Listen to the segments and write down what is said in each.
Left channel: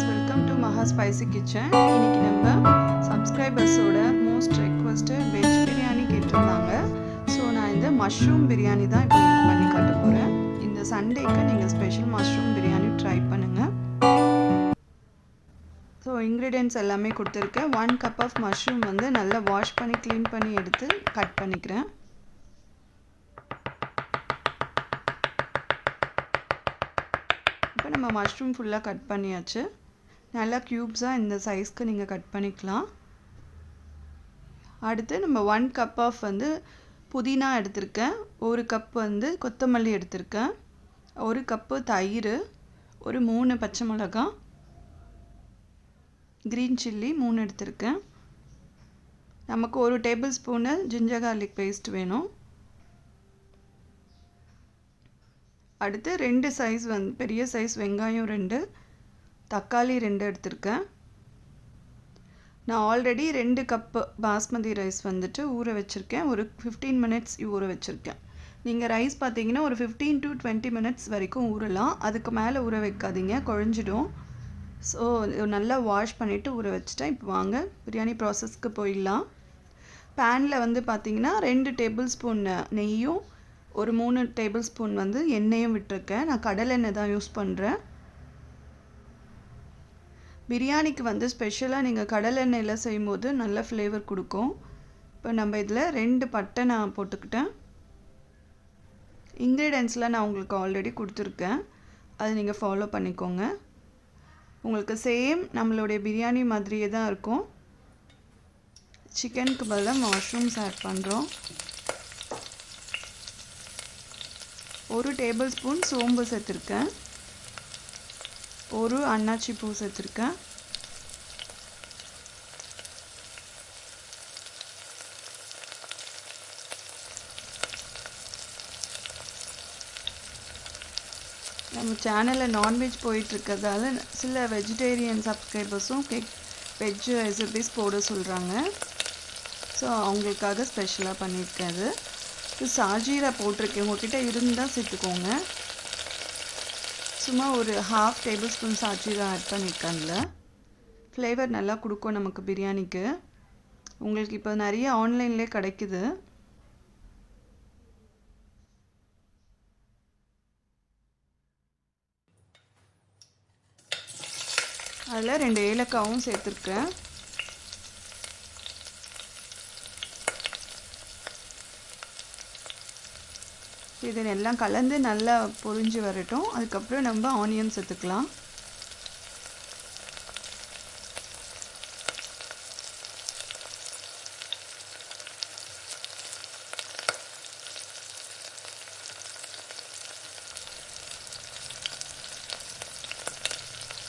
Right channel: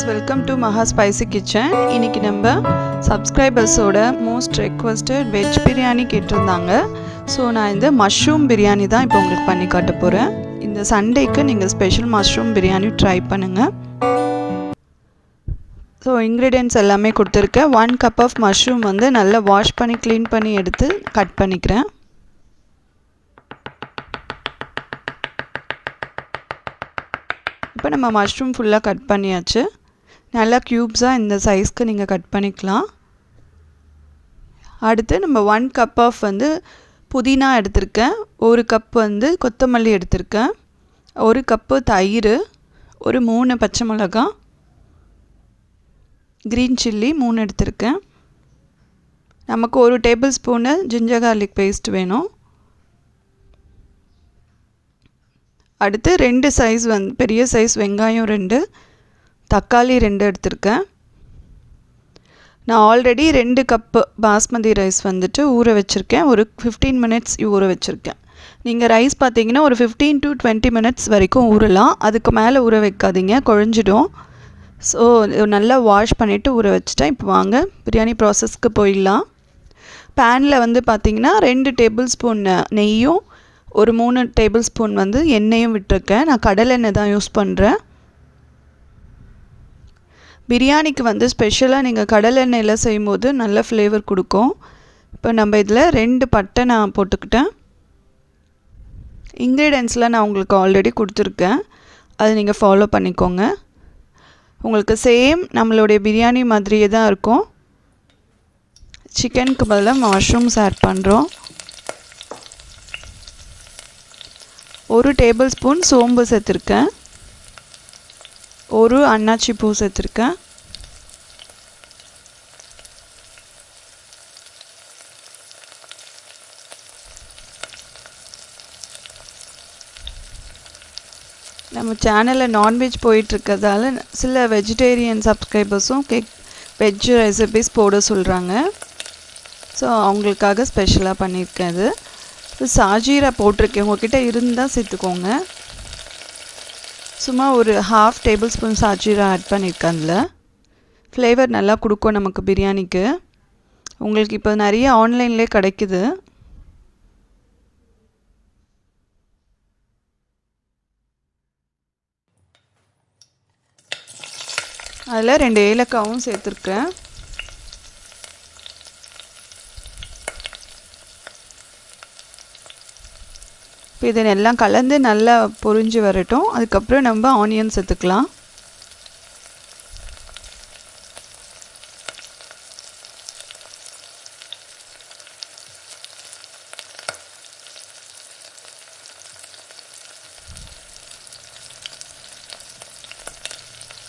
friends, welcome to Maha Spicy Kitchen. இன்னைக்கு நம்ம சப்ஸ்கிரைபர்ஸோட most requested veg biryani கேட்டிருந்தாங்க. ஸோ நான் இந்த மஷ்ரூம் பிரியாணி தான் இப்போ உங்களுக்கு பண்ணி காட்ட போகிறேன். இந்த சண்டேக்கு நீங்கள் ஸ்பெஷல் மஷ்ரூம் பிரியாணி ட்ரை பண்ணுங்கள். ஸோ இன்க்ரீடியன்ட்ஸ் எல்லாமே கொடுத்துருக்கேன். 1 கப் ஆஃப் மஷ்ரூம் வந்து நல்லா வாஷ் பண்ணி க்ளீன் பண்ணி எடுத்து கட் பண்ணிக்கிறேன். இப்போ நம்ம மஷ்ரூம் ஃபுல்லாக கட் பண்ணியாச்சு. நல்லா க்யூப்ஸாக இந்த சைஸ்க்கு நீங்கள் கட் பண்ணிக்கலாம். அடுத்து நம்ம 1 கப் ஆஃப் வந்து புதினா எடுத்திருக்கேன், 1 கப் வந்து கொத்தமல்லி எடுத்திருக்கேன், 1 கப்பு தயிர், ஒரு 3 பச்சை மிளகாய், க்ரீன் சில்லி 3 எடுத்திருக்கேன். நமக்கு 1 table spoon ginger garlic paste வேணும். அடுத்து 2 சைஸ் பெரிய சைஸ் வெங்காயம் 2, தக்காளி 2 எடுத்திருக்கேன். நான் ஆல்ரெடி 2 கப்பு பாஸ்மதி ரைஸ் வந்துட்டு ஊற வச்சுருக்கேன். ஒரு 15 மினிட்ஸ் ஊற வச்சுருக்கேன். நீங்கள் ரைஸ் பார்த்தீங்கன்னா ஒரு 15 to 20 மினிட்ஸ் வரைக்கும் ஊறலாம். அதுக்கு மேலே ஊற வைக்காதீங்க, குழஞ்சிடும். ஸோ நல்லா வாஷ் பண்ணிவிட்டு ஊற வச்சுட்டேன். இப்போ வாங்க பிரியாணி ப்ராசஸ்க்கு போயிடலாம். பேனில் வந்து பார்த்திங்கன்னா 2 டேபிள் ஸ்பூன் நெய்யும் ஒரு 3 டேபிள் ஸ்பூன் வந்து எண்ணெயும் விட்டுருக்கேன். நான் கடலெண்ணெய் தான் யூஸ் பண்ணுறேன். பிரியாணிக்கு வந்து ஸ்பெஷலாக நீங்கள் கடலெண்ணெயில் செய்யும்போது நல்ல ஃப்ளேவர் கொடுக்கும். இப்போ நம்ம இதில் 2 பட்டை நான் போட்டுக்கிட்டேன். இன்க்ரீடியன்ட்ஸ்லாம் நான் உங்களுக்கு ஆல்ரெடி கொடுத்துருக்கேன், அது நீங்கள் ஃபாலோ பண்ணிக்கோங்க. உங்களுக்கு சேம் நம்மளுடைய பிரியாணி மாதிரியே தான் இருக்கும். சிக்கனுக்கு பதிலாக மஷ்ரூம்ஸ் ஆட் பண்ணுறோம். 1 டேபிள் ஸ்பூன் சோம்பு சேர்த்துருக்கேன், 1 அன்னாச்சி பூ சேர்த்துருக்கேன், நம்ம சேனலில் நான்வெஜ் போயிட்டுருக்கிறதால சில வெஜிடேரியன் சப்ஸ்கிரைபர்ஸும் வெஜ் ரெசிபீஸ் போட சொல்கிறாங்க. ஸோ அவங்களுக்காக ஸ்பெஷலாக பண்ணியிருக்கேன். அது சாஜீரா போட்டிருக்கேன், உங்கள்கிட்ட இருந்தால் சேர்த்துக்கோங்க. சும்மா ஒரு 1/2 டேபிள் ஸ்பூன் சாஜீரா ஆட் பண்ணியிருக்கேன். அதில் ஃப்ளேவர் நல்லா கொடுக்கும் நமக்கு பிரியாணிக்கு. உங்களுக்கு இப்போ நிறைய ஆன்லைன்லேயே கிடைக்குது. அதில் 2 ஏலக்காவும் சேர்த்துருக்கேன். இப்போ இதை எல்லாம் கலந்து நல்லா பொரிஞ்சு வரட்டும். அதுக்கப்புறம் நம்ம ஆனியன் சேர்த்துக்கலாம்.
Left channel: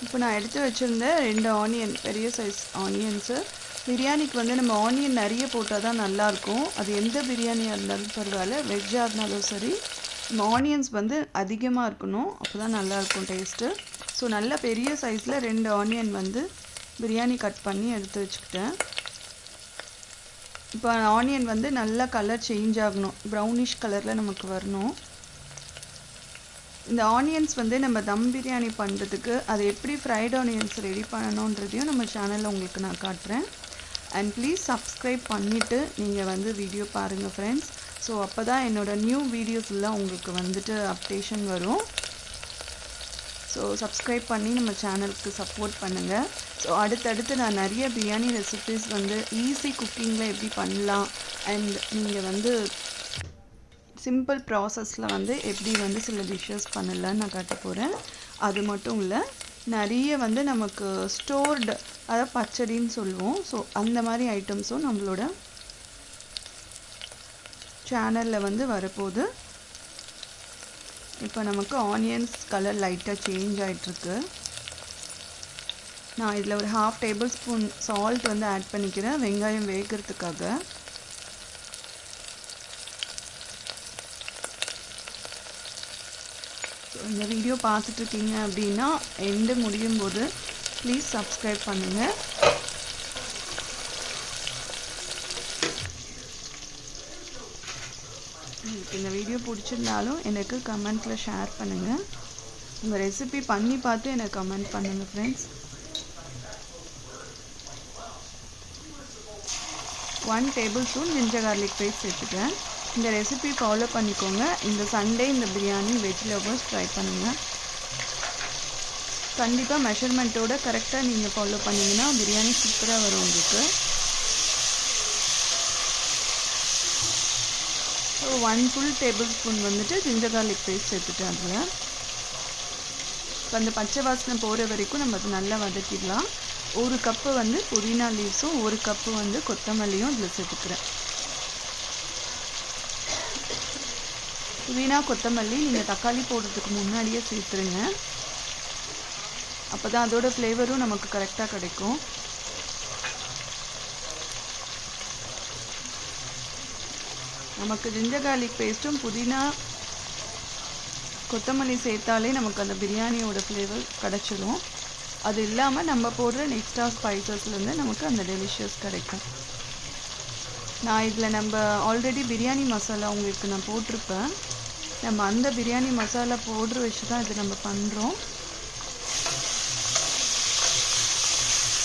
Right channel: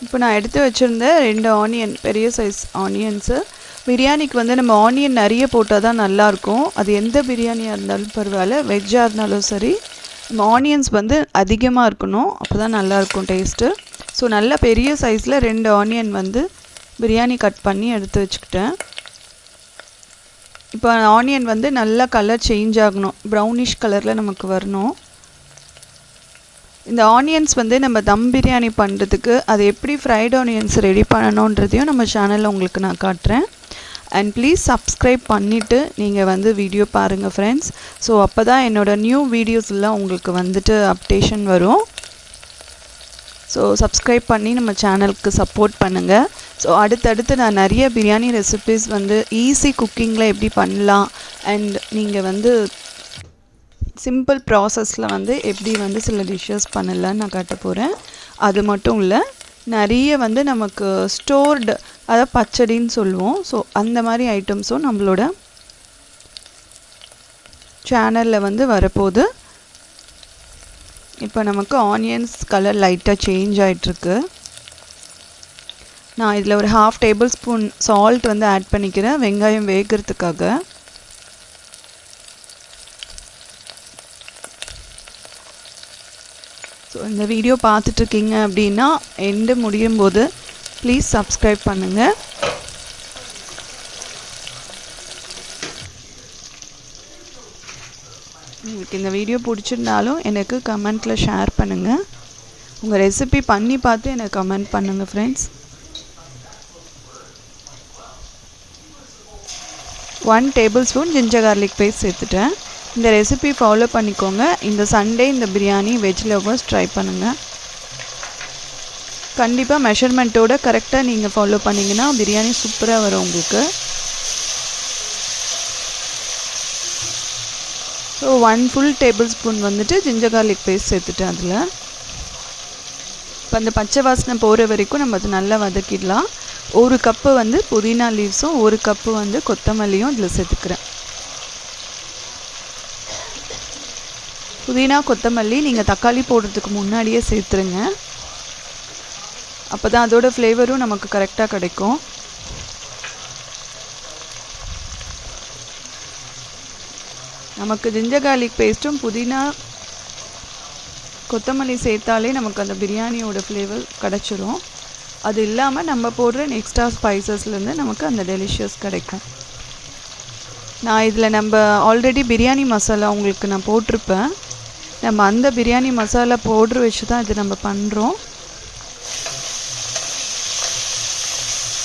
இப்போ நான் எடுத்து வச்சுருந்த 2 ஆனியன், பெரிய சைஸ் ஆனியன்ஸு. பிரியாணிக்கு வந்து நம்ம ஆனியன் நிறைய போட்டால் தான் நல்லாயிருக்கும். அது எந்த பிரியாணியாக இருந்தாலும் பரவாயில்ல, வெஜ்ஜாக இருந்தாலும் சரி, நம்ம ஆனியன்ஸ் வந்து அதிகமாக இருக்கணும், அப்போ தான் நல்லாயிருக்கும் டேஸ்ட்டு. ஸோ நல்ல பெரிய சைஸில் 2 ஆனியன் வந்து பிரியாணி கட் பண்ணி எடுத்து வச்சுக்கிட்டேன். இப்போ ஆனியன் வந்து நல்லா கலர் சேஞ்ச் ஆகணும், ப்ரௌனிஷ் கலரில் நமக்கு வரணும். இந்த ஆனியன்ஸ் வந்து நம்ம தம் பிரியாணி பண்ணுறதுக்கு அது எப்படி ஃப்ரைட் ஆனியன்ஸ் ரெடி பண்ணணுன்றதையும் நம்ம சேனலில் உங்களுக்கு நான் காட்டுறேன். அண்ட் ப்ளீஸ் சப்ஸ்கிரைப் பண்ணிவிட்டு நீங்கள் வந்து வீடியோ பாருங்கள் ஃப்ரெண்ட்ஸ். ஸோ அப்போ தான் என்னோடய நியூ வீடியோஸ்லாம் உங்களுக்கு வந்துட்டு அப்டேஷன் வரும். ஸோ சப்ஸ்கிரைப் பண்ணி நம்ம சேனலுக்கு சப்போர்ட் பண்ணுங்கள். ஸோ அடுத்தடுத்து நான் நிறைய பிரியாணி ரெசிபீஸ் வந்து ஈஸி குக்கிங்கில் எப்படி பண்ணலாம், அண்ட் நீங்கள் வந்து சிம்பிள் ப்ராசஸில் வந்து எப்படி வந்து சில டிஷ்ஷஸ் பண்ணலான்னு நான் காட்ட போகிறேன். அது மட்டும் இல்லை, நிறைய வந்து நமக்கு ஸ்டோர்டு, அதாவது பச்சடின்னு சொல்லுவோம். ஸோ அந்த மாதிரி ஐட்டம்ஸும் நம்மளோட சேனலில் வந்து வரப்போகுது. இப்போ நமக்கு ஆனியன்ஸ் கலர் லைட்டாக சேஞ்ச் ஆகிட்டுருக்கு. நான் இதில் ஒரு 1/2 டேபிள் ஸ்பூன் சால்ட் வந்து ஆட் பண்ணிக்கிறேன், வெங்காயம் வேகிறதுக்காக. ஸோ இந்த வீடியோ பார்த்துட்ருக்கீங்க அப்படின்னா எண்டு முடியும் போது ப்ளீஸ் சப்ஸ்கிரைப் பண்ணுங்கள். உங்களுக்கு இந்த வீடியோ பிடிச்சிருந்தாலும் எனக்கு கமெண்ட்டில் ஷேர் பண்ணுங்கள். உங்கள் ரெசிபி பண்ணி பார்த்து எனக்கு கமெண்ட் பண்ணுங்கள் friends. 1 table spoon ginger garlic paste சேர்த்துட்டேன். இந்த ரெசிபி ஃபாலோ பண்ணிக்கோங்க. இந்த சண்டே இந்த பிரியாணி வெஜ் லவர்ஸ் ட்ரை பண்ணுங்கள். கண்டிப்பாக மெஷர்மெண்ட்டோட கரெக்டாக நீங்கள் ஃபாலோ பண்ணிங்கன்னா பிரியாணி சூப்பராக வரும் உங்களுக்கு. ஸோ 1 ஃபுல் டேபிள் ஸ்பூன் வந்துட்டு ஜிஞ்சர் கார்லிக் பேஸ்ட் சேர்த்துட்டேன். அதில் இப்போ அந்த பச்சை வாசனை போகிற வரைக்கும் நம்ம அது நல்லா வதக்கிடலாம். 1 கப்பு வந்து புதினா லீவ்ஸும் 1 கப்பு வந்து கொத்தமல்லியும் இதில் சேர்த்துக்கிறேன். புதினா கொத்தமல்லி நீங்கள் தக்காளி போடுறதுக்கு முன்னாடியே சேர்த்துருங்க. அப்போ தான் அதோட ஃப்ளேவரும் நமக்கு கரெக்டாக கிடைக்கும். நமக்கு ஜிஞ்சர் கார்லிக் பேஸ்ட்டும் புதினா கொத்தமல்லி சேர்த்தாலே நமக்கு அந்த பிரியாணியோட ஃப்ளேவர் கிடச்சிரும். அது இல்லாமல் நம்ம போடுற எக்ஸ்ட்ரா ஸ்பைசஸ்லேருந்து நமக்கு அந்த டெலிஷியஸ் கிடைக்கும். நான் இதில் நம்ம ஆல்ரெடி பிரியாணி மசாலா உங்களுக்கு நான் போட்டிருப்பேன். நம்ம அந்த பிரியாணி மசாலா பவுட்ரு வச்சு தான் இது நம்ம பண்ணுறோம்.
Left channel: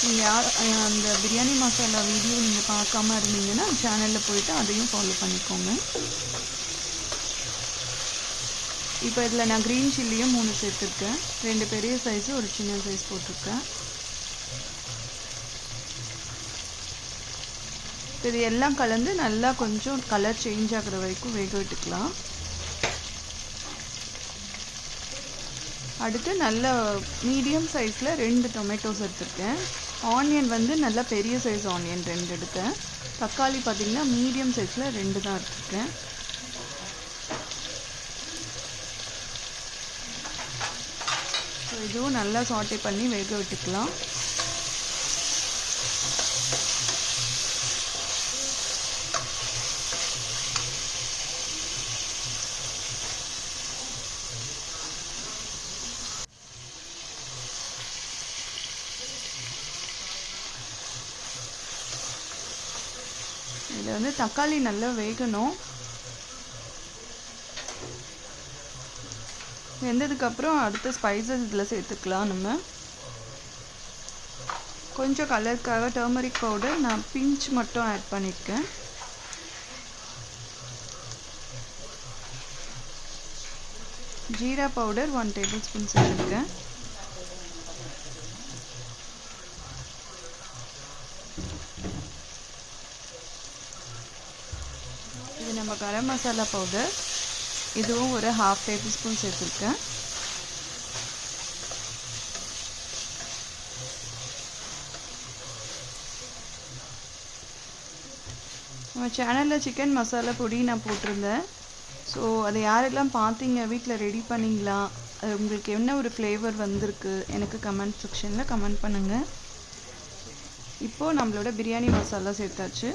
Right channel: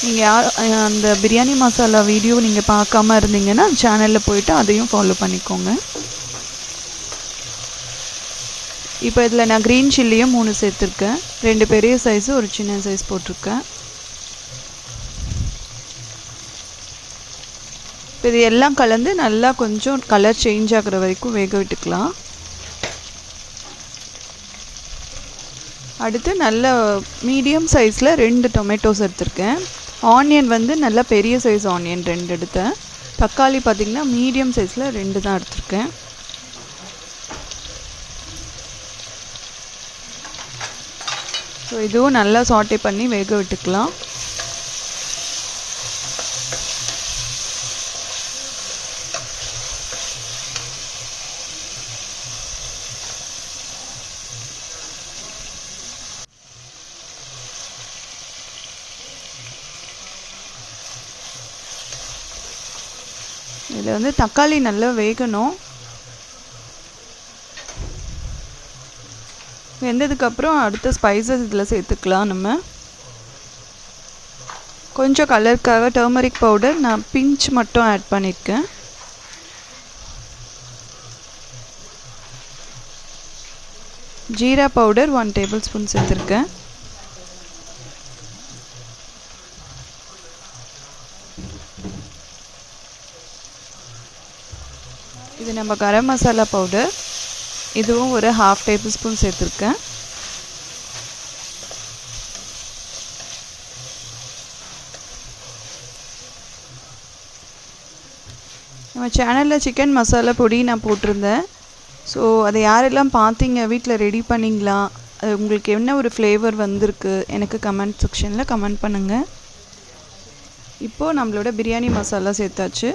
நீங்கள் அந்த பிரியாணி மசாலா வீடியோ நீங்கள் பார்க்காம இருந்தீங்கன்னா சேனலில் போய்ட்டு அதையும் ஃபாலோ பண்ணிக்கோங்க. இப்போ இதில் நான் க்ரீன் சில்லியும் 3 சேர்த்துருக்கேன். 2 பெரிய சைஸு 1 சின்ன சைஸ் போட்டிருக்கேன். இப்போ இது எல்லாம் கலந்து நல்லா கொஞ்சம் கலர் சேஞ்ச் ஆகிற வரைக்கும் வேக விட்டுக்கலாம். அடுத்து நல்ல மீடியம் சைஸில் 2 டொமேட்டோஸ் எடுத்திருக்கேன். ஆனியன் வந்து நல்லா பெரிய சைஸ் ஆனியன் 2 எடுத்தேன். தக்காளி பார்த்திங்கன்னா மீடியம் சைஸில் 2 தான் எடுத்திருக்கேன். ஸோ இதுவும் நல்லா சாட்டே பண்ணி வேக விட்டுக்கலாம். இதில் வந்து தக்காளி நல்லா வேகணும். வெந்ததுக்கப்புறம் அடுத்த ஸ்பைசஸ் இதில் சேர்த்துக்கலாம். நம்ம கொஞ்சம் கலருக்காக டர்மரிக் பவுடர் நான் பிஞ்ச் மட்டும் ஆட் பண்ணியிருக்கேன். ஜீரா பவுடர் 1 டேபிள் ஸ்பூன் சேர்த்துருக்கேன். இது நம்ம கரம் மசாலா பவுடர், இதுவும் ஒரு 1/2 டேபிள் ஸ்பூன் சேர்த்துருக்கேன். நம்ம சேனலில் சிக்கன் மசாலா பொடி நான் போட்டிருந்தேன். ஸோ அதை யாரெல்லாம் பார்த்தீங்க, வீட்டில் ரெடி பண்ணிங்களா, அது உங்களுக்கு என்ன ஒரு ஃப்ளேவர் வந்திருக்கு எனக்கு கமெண்ட் செக்ஷனில் கமெண்ட் பண்ணுங்கள். இப்போது நம்மளோட பிரியாணி மசாலா சேர்த்தாச்சு.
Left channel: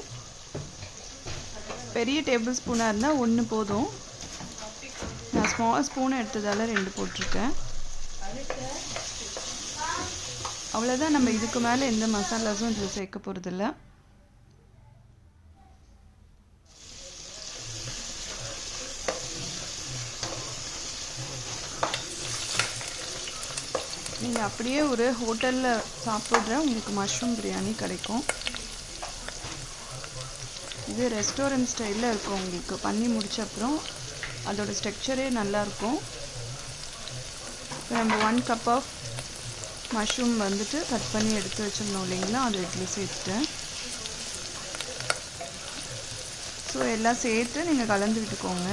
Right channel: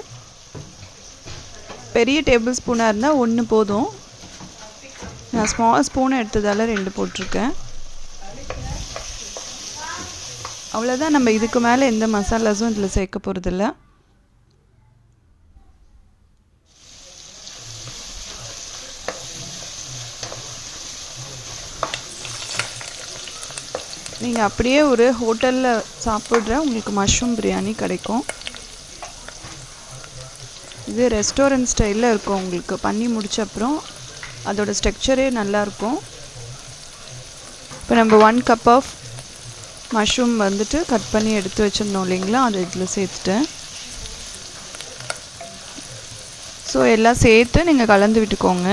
பெரிய டேபிள் ஸ்பூனாக இருந்தால் 1 போதும். நான் ஸ்மால் ஸ்பூன் எடுத்ததால் 2 போட்டிருக்கேன். அவ்வளோதான். நம்ம இதுக்கு மேலே எந்த மசாலாஸும் இதில் சேர்க்க போகிறதில்ல. நீங்கள் அப்படியே ஒரு ஹோட்டலில் சாப்பிட்ற உங்களுக்கு மஷ்ரூம் பிரியாணி கிடைக்கும். இது ரெஸ்டாரண்ட் ஸ்டைலில் இருக்கும். உங்களுக்கு பண்ணி முடிச்ச அப்புறம் அதோட ஸ்ட்ரக்சரே நல்லாயிருக்கும். இப்போ நம்ம 1 கப் ஆஃப் மஷ்ரூம் வந்துட்டு கட் பண்ணி எடுத்து வச்சுருந்தோம் இல்லைங்களா, அதை இதில் சேர்த்துட்டேன். ஸோ எல்லாம் சேர்த்து நீங்கள் கலந்து விட்டுக்கோங்க.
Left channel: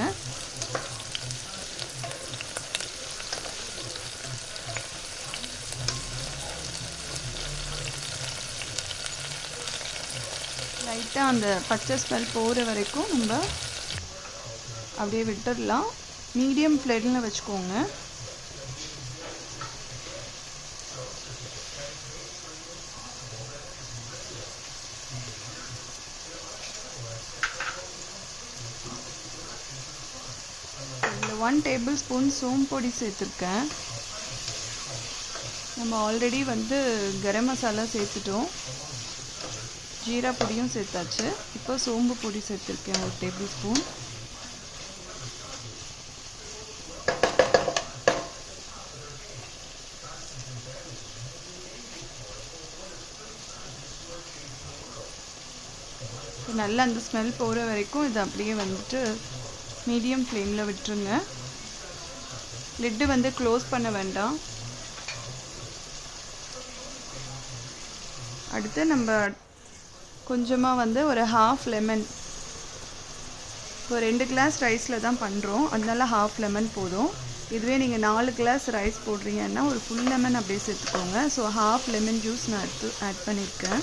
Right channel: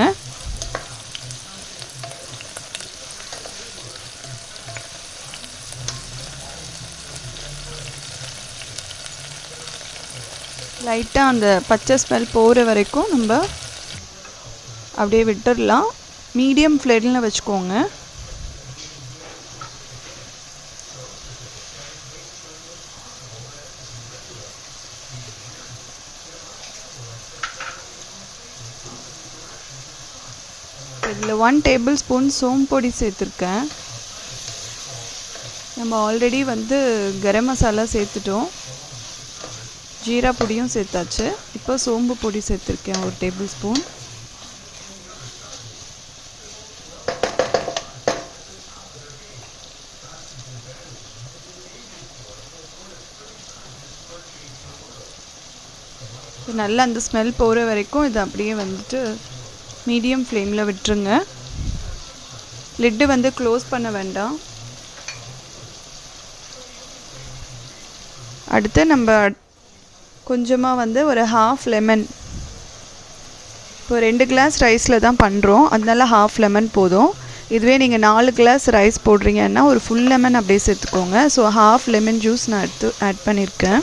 லைட்டாக அந்த பச்சை ஸ்மெல் போகிற வரைக்கும் நம்ம அப்படியே விட்டுடலாம். மீடியம் ஃப்ளேமில் வச்சுக்கோங்க. இதில் 1 டேபிள் ஸ்பூன் சோம்பு பொடி சேர்த்துருக்கேன். நம்ம ஆல்ரெடி வந்து கரம் மசாலா சேர்த்துட்டோம், ஜீரா பொடியும் சேர்த்தாச்சு. இப்போ சோம்பு பொடி சேர்த்துருக்கேன் 1 டேபிள் ஸ்பூன். நல்லா அந்த ஸ்மெல் போகிற வரைக்கும் இதை அப்படியே வந்துட்டு மீடியம் ஃப்ளேமில் விட்டுருங்க. லிட்டு வந்து க்ளோஸ் பண்ண வேண்டாம். அடுத்து நம்ம கொஞ்சமாக வந்து ஒரு ஹாஃப் லெமன், இப்போ 2 கிளாஸ் ரைஸில் தான் பண்ணுறோம், அதனால ஹாஃப் லெமன் போதும். இதுவே நீங்கள் 4 கிளாஸ் ரைஸ் போடுறீங்கன்னா ஒரு ஃபுல் லெமன் அப்படியே சேர்த்துக்கோங்க. ஸோ ஹாஃப் லெமன் ஜூஸ் நான் எடுத்து ஆட் பண்ணியிருக்கேன்.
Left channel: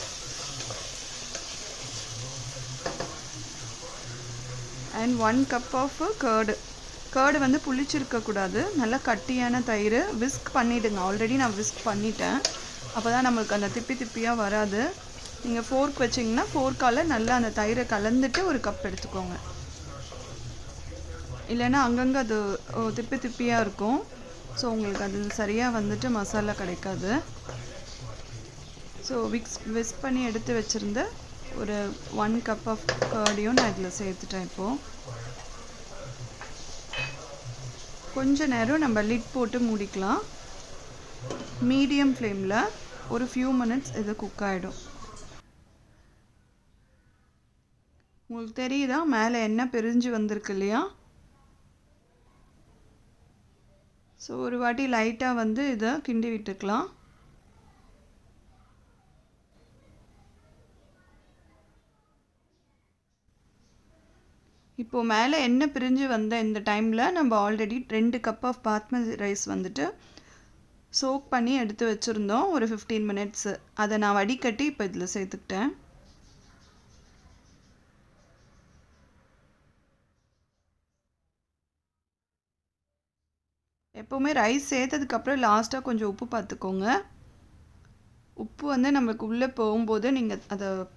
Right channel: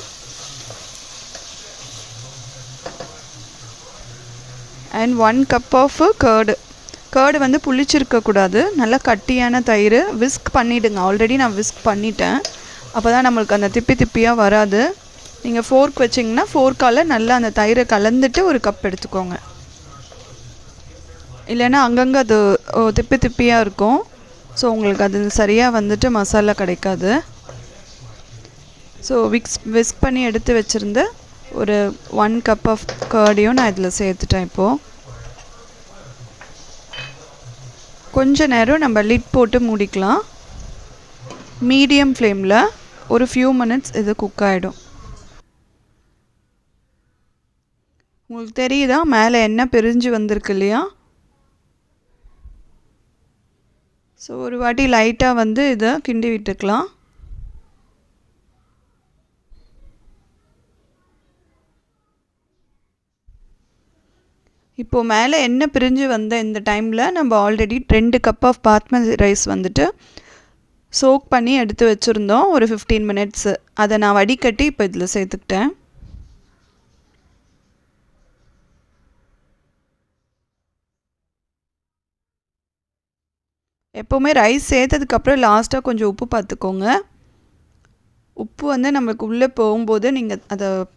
அண்ட் 1 கப் ஆஃப் கேர்டு வந்து புளிச்சிருக்கக்கூடாது, நல்லா கட்டியான தயிர். விஸ்க் பண்ணிவிடுங்க, ஆல்ரெடி நான் விஸ்க் பண்ணிட்டேன், அப்போ தான் நம்மளுக்கு அந்த திப்பி திப்பியாக வராது. நீங்கள் ஃபோர்க் வச்சிங்கன்னா ஃபோர்க்கால் நல்லா அந்த தயிரை கலந்துட்டு ஒரு கப் எடுத்துக்கோங்க, இல்லைன்னா அங்கங்கே அது திப்பி திப்பியாக இருக்கும். ஸோ உங்களுக்கு அது சரியாக வந்துட்டு மசாலா கிடைக்காது. ஸோ விஸ்க் பண்ணி எடுத்து வச்சுருந்த ஒரு 1 கப் ஆஃப் கர்டையும் நான் இதில் சேர்த்துட்டேன். இப்போது கொஞ்ச நேரம் நம்ம லிட் போட்டு மூடிக்கலாம். மீடியம் ஃப்ளேமில் ஒரு ஃபியூ மினிட்ஸ் இது குக் ஆகிடும். உங்களுக்கு தெரியுதா மேலே எண்ணெய் பிரிஞ்சு வந்திருக்கு இல்லையா? ஸோ ஒரு வாட்டி லைட்டாக வந்து இதை கிண்டி விட்டுக்கலாம். இப்போது மேலே எண்ணெய் பிரிஞ்சு வந்த இந்த டைமில் நம்ம already 2 cup of basmati rice வந்துட்டு சோக் பண்ணி எடுத்து வச்சுருந்தோம் ஒரு 15 மினிட்ஸு. அதை நான் வடிகட்டி இப்போ இதில் சேர்த்துக்கிட்டேன். எப்போவுமே ரைஸ் சேர்த்ததுக்கப்புறம் லாஸ்ட்டாக கொஞ்சம் உப்பு பார்த்துக்கோங்க. உப்பு வந்து நம்மளுக்கு உள்ளே போகும்போது நீங்கள்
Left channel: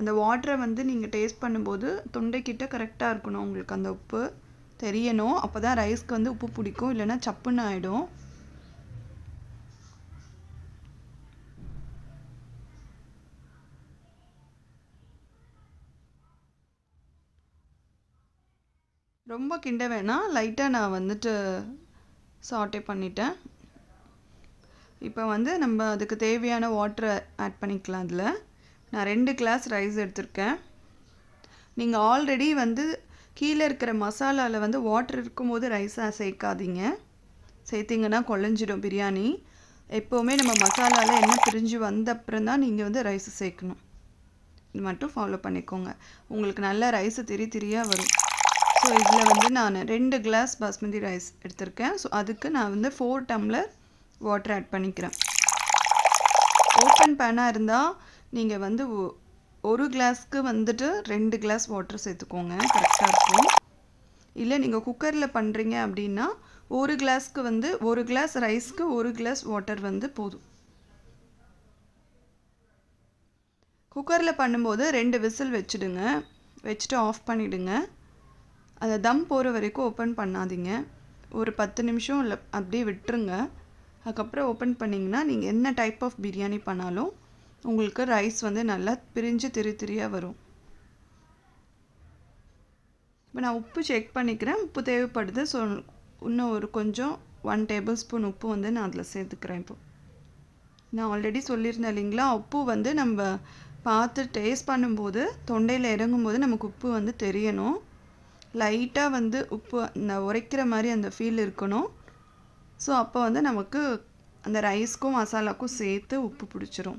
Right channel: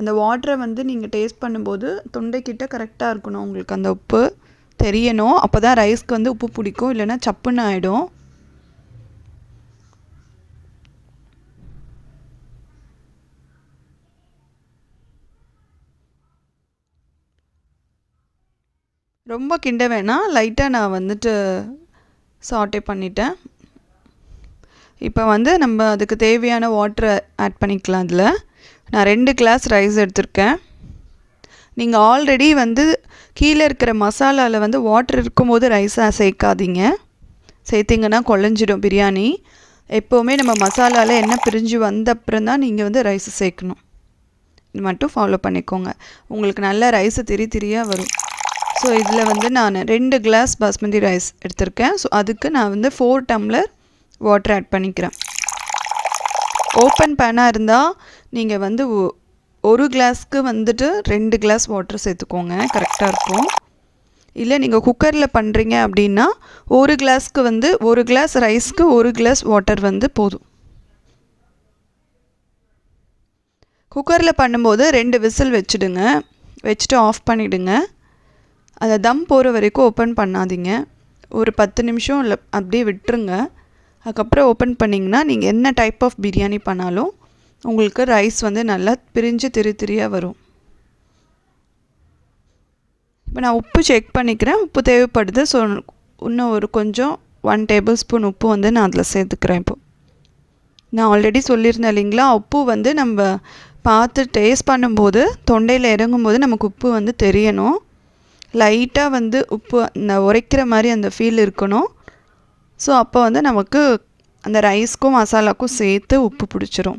அந்த வாட்டரை வந்து நீங்கள் டேஸ்ட் பண்ணும்போது தொண்டைக்கிட்ட கரெக்டாக இருக்கணும், உங்களுக்கு அந்த உப்பு தெரியணும். அப்போ தான் ரைஸ்க்கு வந்து உப்பு பிடிக்கும், இல்லைன்னா சப்புன்னு ஆகிடும். ரொம்ப கிண்ட வேணாம், லைட்டாக நான் வந்துட்டு சாட்டே பண்ணிட்டேன். இப்போ வந்து நம்ம அதுக்கு தேவையான வாட்டரை ஆட் பண்ணிக்கலாம். அதில் நான் 2 கிளாஸ் ரைஸ் எடுத்திருக்கேன். நீங்கள் ஆல்ரெடி வந்து கீழே இருக்கிற மசாலாவில் வந்து வாட்டர் இருக்கும்போது ரைஸாக சேர்க்காதீங்க, சேர்த்திங்கன்னா குழஞ்சிடும் பிரியாணி. எப்போவுமே நம்ம மசாலாவில் எண்ணெய் பிரிஞ்சு வந்த அப்புறம் தான் நீங்கள் வந்து ரைஸை சேர்க்கணும். இது மட்டும் ஃபாலோ பண்ணிக்கோங்க, உங்களுக்கு நல்ல ரைஸு திரியாக வரும். ஸோ இதில் வந்து நான் 2 கிளாஸ் பாஸ்மதி ரைஸ் எடுத்திருக்கேன். ஸோ அதுக்கு நான் வந்து 4 டம்ளர் வாட்டர் ஆட் பண்ணிக்கிறேன். ஓப்பன் பேனாக இருந்தால் நீங்கள் வந்து 1 கிளாஸ்க்கு வந்துட்டு 2 கிளாஸ் வாட்டர் சேர்த்துக்கோங்க, கரெக்டாக இருக்கும். இல்லை நீங்கள் குக்கரில் பண்ணுறீங்க அப்படின்னா 1 கிளாஸ்க்கு வந்து 1 கிளாஸ் ரைஸ்க்கு 1 கிளாஸ் வாட்டர் வந்து போதும். குக்கரில் பண்ணும்போது 2 விசில் வச்சுடுங்க, வச்சுட்டு ஆஃப் பண்ணிவிடுங்க. அதை தம் போகிற வரைக்கும் ஓப்பன் பண்ணாதீங்க, ஒரு 10 நிமிஷம் இல்லை அப்படியே விட்டுருங்க. அதுக்கப்புறம் ஓப்பன் பண்ணிங்கன்னா நீங்கள் என்ன டைப் ஆஃப் பிரியாணி பண்ணாலும் உங்களுக்கு ரைஸ் வந்து நல்லா பிரிஞ்சு திரியாக வரும். இப்போ நான் உப்பு செக் பண்ணிக்கிறேன், உப்பு தேவைப்படுது. ஸோ இன்னும் ஒரு கொஞ்சம் 1 டேபிள் ஸ்பூன் உப்பு வந்து நான் அதில் சேர்த்துக்கிறேன். இப்போ நான் ஆல்ரெடி சொல்லியிருந்தேன் இல்லைங்களா, உப்பு வந்து நம்ம பார்த்து டேஸ்ட் பண்ணும்போது தொண்டையில் இறங்கும்போது நமக்கு உப்பு வந்து தெரியணும். லைட்டாக வந்து உப்பு அந்த உரைக்கிற மாதிரி அந்த ஃபீல் இருக்கணும். ஸோ அப்போ வந்து நமக்கு அந்த ரைஸ்க்கும் மசாலாக்கும் சேர்த்து உப்பு பிடிச்சிரும்.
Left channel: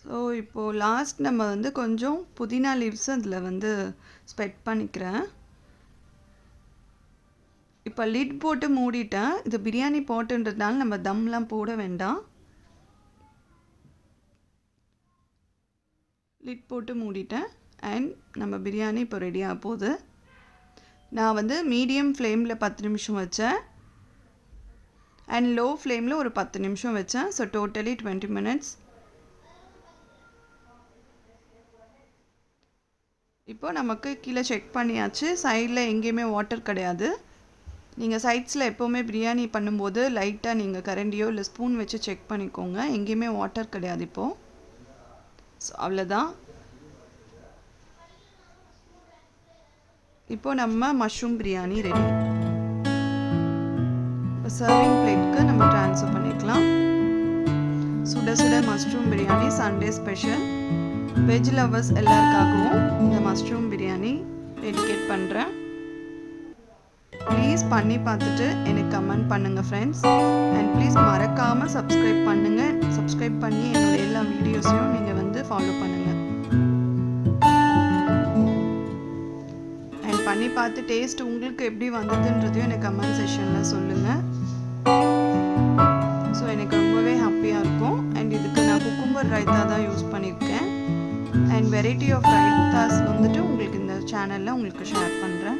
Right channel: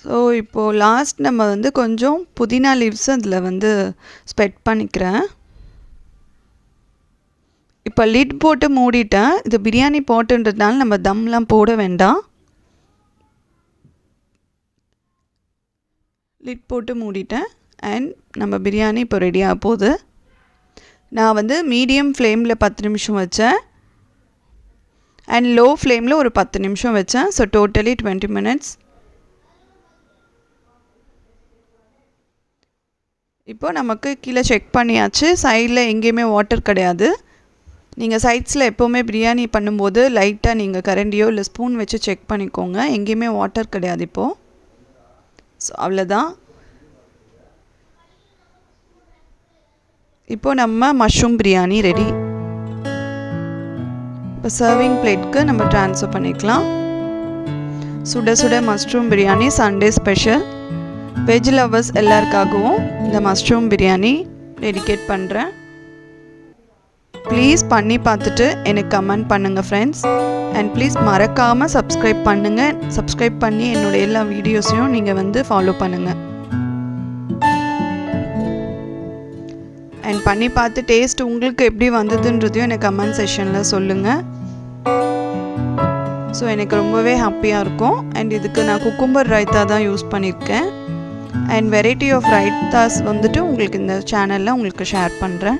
ஸோ இப்போது லாஸ்ட் நம்ம வந்து கொஞ்சம் புதினா லீவ்ஸ் அதில் வந்து ஸ்ப்ரெட் பண்ணிக்கிறேன். இப்போ லிட் போட்டு மூடிட்டேன். இது பிரியாணி போட்டுன்றதுனால நம்ம தம்லாம் போட வேண்டாம். லிட் போட்டு மூடிட்டேன். அண்ட் நம்ம பிரியாணி இப்போ ரெடியாக போகுது. நான் வந்து மீடியம் ஃப்ளேமில் 10 நிமிஷம் வச்சேன் அண்ட் லோ ஃப்ளேமில் ஒரு 10 நிமிஷம் வச்சேன். So totally 20 minutes. இப்போது நமக்கு கீழே செக் பண்ணியாச்சு, சைடில் எங்கேயுமே வாட்டர் கிடையாது. நீங்கள் சைட்ஸில் எப்போவுமே பிரியாணி பண்ணும்போது லைட்டாக நீங்கள் கரண்டியோ இல்லை ஸ்பூன் வச்சு செக் பண்ணிக்கோங்க, எங்கேயுமே வாட்டர் கிடையாது இப்போது. ஸோ அவ்வளோதான். இப்போது நம்ம மஷ்ரூம் பிரியாணி ரெடி. இப்போ சர்விங் பிளேட்க்கு நம்ம ட்ரான்ஸ்ஃபர் பண்ணிக்கலாம். சுட சுட mushroom biryani Sunday special. Veg lovers எல்லாருக்காகவும் இந்த மஷ்ரூம் பிரியாணி டெடிகேட் பண்ணுறேன். ப்ளீஸ் பண்ணி பார்த்துட்டு எனக்கு கமெண்ட் பண்ணுங்கள் ஃப்ரெண்ட்ஸ். அண்ட் ப்ளீஸ் மறக்காமல் சப்ஸ்கிரைப் பண்ணுங்கள். சப்ஸ்கிரைப் பண்ணி என்னோடய எல்லா வீடியோஸையும் நீங்கள் வந்து ஃபாலோ பண்ணுங்கள். அண்ட் பண்ணி பார்த்து டேஸ்ட் உங்களுக்கு எப்படி வந்ததுன்றதையும் எனக்கு கமெண்ட் செக்ஷனில் சொல்லுங்கள். ஸோ எனக்கு ரொம்பவே ஹாப்பியாக இருக்கும். அண்ட் இதுக்கு நான் குக்கும்பர் ரைத்தா தான் யூஸ் பண்ணியிருக்கேன். அண்ட் வெரைட்டி ஆஃப் ரைத்தாஸ் வந்துட்டு உங்களுக்கு இந்த சேனலில் உங்களுக்கு ஷேர் பண்ணுறேன்.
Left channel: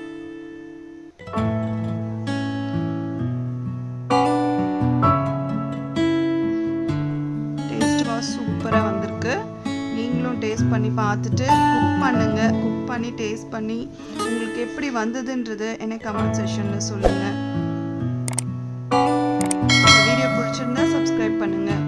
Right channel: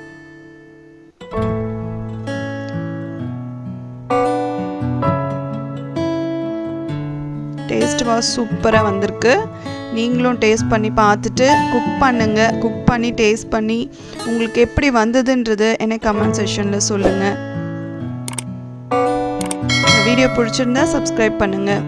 டேஸ்ட் வாஸ் சூப்பராக வந்திருக்கு. நீங்களும் டேஸ்ட் பண்ணி பார்த்துட்டு குக் பண்ணுங்கள். குக் பண்ணி டேஸ்ட் பண்ணி உங்களுக்கு எப்படி வந்ததுன்றது எனக்கு கமெண்ட் செக்ஷனில் சொல்லுங்கள். இந்த வீடியோ பிடிச்சிருந்தா சப்ஸ்கிரைப் பண்ணுங்கள்.